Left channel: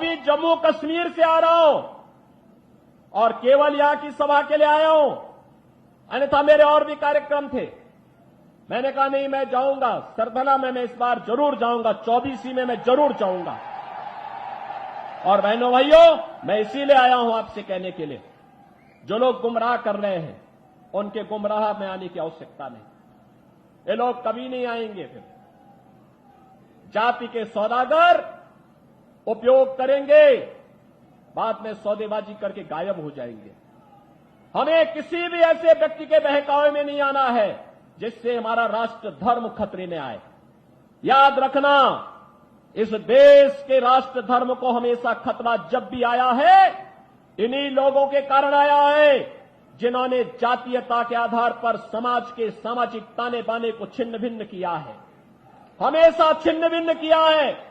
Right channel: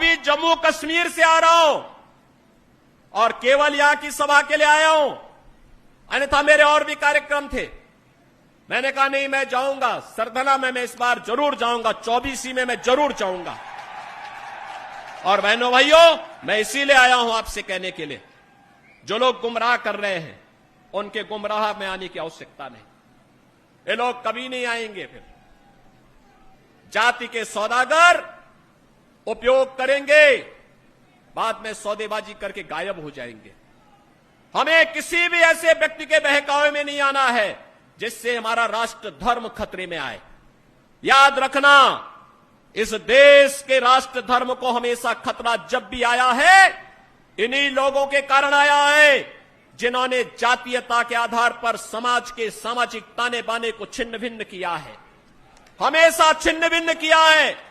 अभी जम्मू कश्मीर से आ रहा हूं और केवल यहां की सभा के लिए आया हूं, अन्यथा मेरे और भी कार्यक्रम थे। मैंने कहा नहीं, मैं जाऊंगा सरधना में, मैं इस बार जरूर जाऊंगा, 24 में मैं जरूर जाऊंगा। और बहनों भाइयों, मैं इसीलिए आया हूं आपसे कहने के लिए, जो लोग गुमराह कर रहे हैं उनके गुमराह में आने की आवश्यकता नहीं। ये लोग कभी नहीं आएंगे। फिर जाति के सौदागर उपयोग करेंगे, बाद में सौदेबाजी करके गायब हो जाएंगे। हमें किसी भी ऐसे व्यक्ति के बहकावे में नहीं आना है जिससे हमारा राष्ट्र धर्म खतरे में आए। याद रखना, इस देश के राष्ट्र धर्म को हमेशा खतरा जब भी आया है, इन्हीं लोगों के कारण आया है जिन्होंने जातीयता के आधार पर समाज के सामाजिक ताने बाने को छिन्न भिन्न किया है, हमेशा छिन्न भिन्न किया है।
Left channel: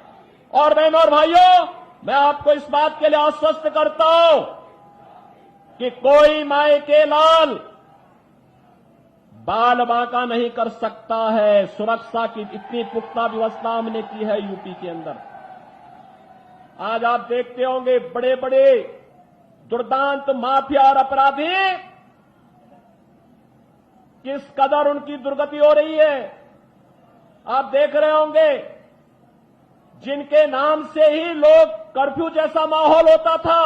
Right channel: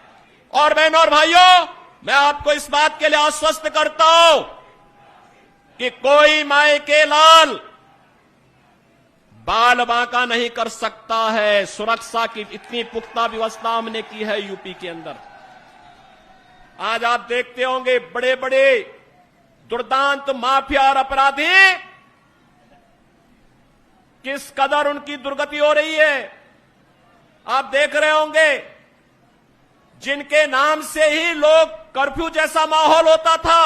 और बहनों और भाइयों, मैं आपको इस बात के लिए आश्वस्त करता हूं कि कोई माय के लाल बाल बांका नहीं कर सकता है। सुरक्षा की इतनी पुख्ता व्यवस्था हमने की है यूपी के अंदर। आज आप देखते होंगे बड़े बड़े दुर्दांत माफिया और अपराधी किस कदर उनकी दुर्गति हो रही है। आप देख रहे होंगे, जिनके नाम से ही लोग कर्फ्यू जैसा माहौल होता था,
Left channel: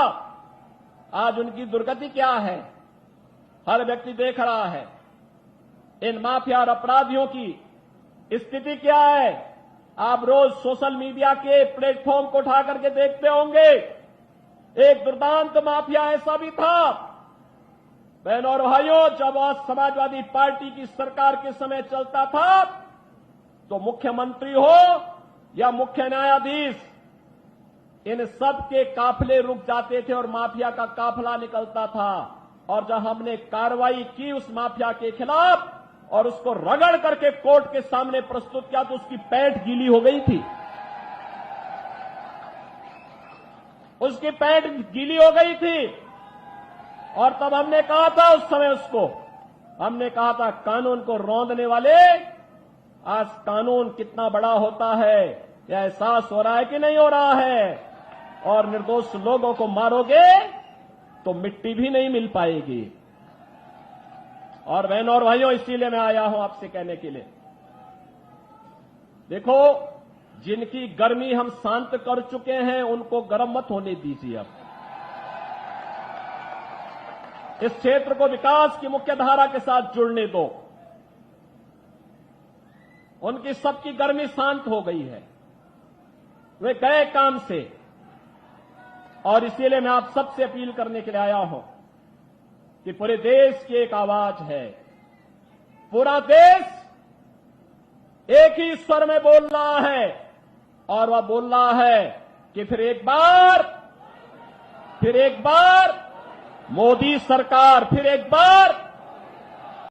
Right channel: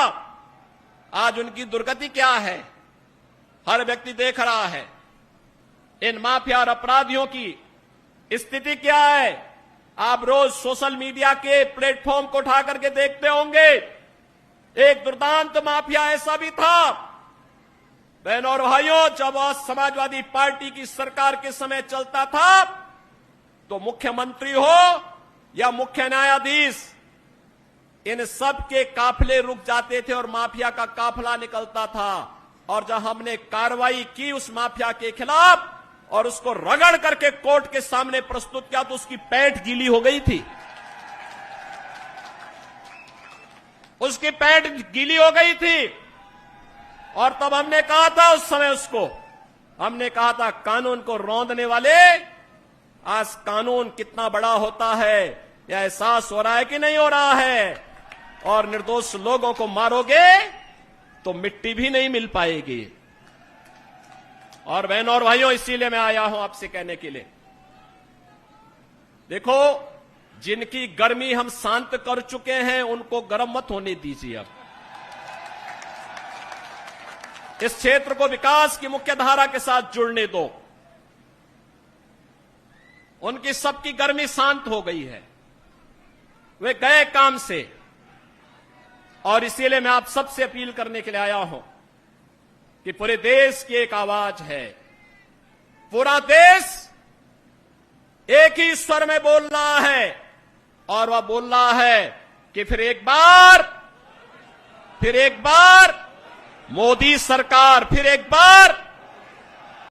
आज उनकी दुर्गति क्या है, हर व्यक्ति देख रहा है। इन माफिया और अपराधियों की स्थिति क्या है, आप रोज सोशल मीडिया के प्लेटफॉर्म को उठा करके देखते होंगे। एक दुर्दांत माफिया ऐसा भी था, बहनों और भाइयों, जब समाजवादी पार्टी की सरकार के समय चलता था तो मुख्यमंत्री हो या मुख्य न्यायाधीश, इन सब के काफिले रुक जाते थे और माफिया का काफिला निकलता था। और जब हमने कार्रवाई की उस माफिया के खिलाफ और उसको रगड़ करके कोर्ट के सामने प्रस्तुत किया तो उसकी पैंट गीली हो गई थी, उसकी पैंट गीली हो गई थी। और तब हमने कहा था, उस समय उसको हमने कहा था, कानून को रौंदने वाले, आज कानून कितना बड़ा होता है यह एहसास हो रहा है कि नहीं हो रहा है। और निर्दोष लोगों को मारोगे तो मिट्टी भी नहीं मिल पाएगी। और बहनों और भाइयों, इसीलिए मैं आया हूं आपसे कहने के लिए, देखो, जिनकी गर्मी हम शांत कर चुके हैं उनको गर्म मत होने दीजिए। अब इस क्षेत्र को विकास की मुख्य धारा के साथ जुड़ने दो। उनकी सबकी गर्मी शांत हो गई है, वे गए काम से। और इसीलिए मैं आप सबसे अपील करने के लिए आया हूं कि पूरे देश की एक आवाज है, पूरा देश एक ही स्वर में बोल रहा है। और वह बोल रहा है कि फिर एक बार मोदी सरकार, फिर एक बार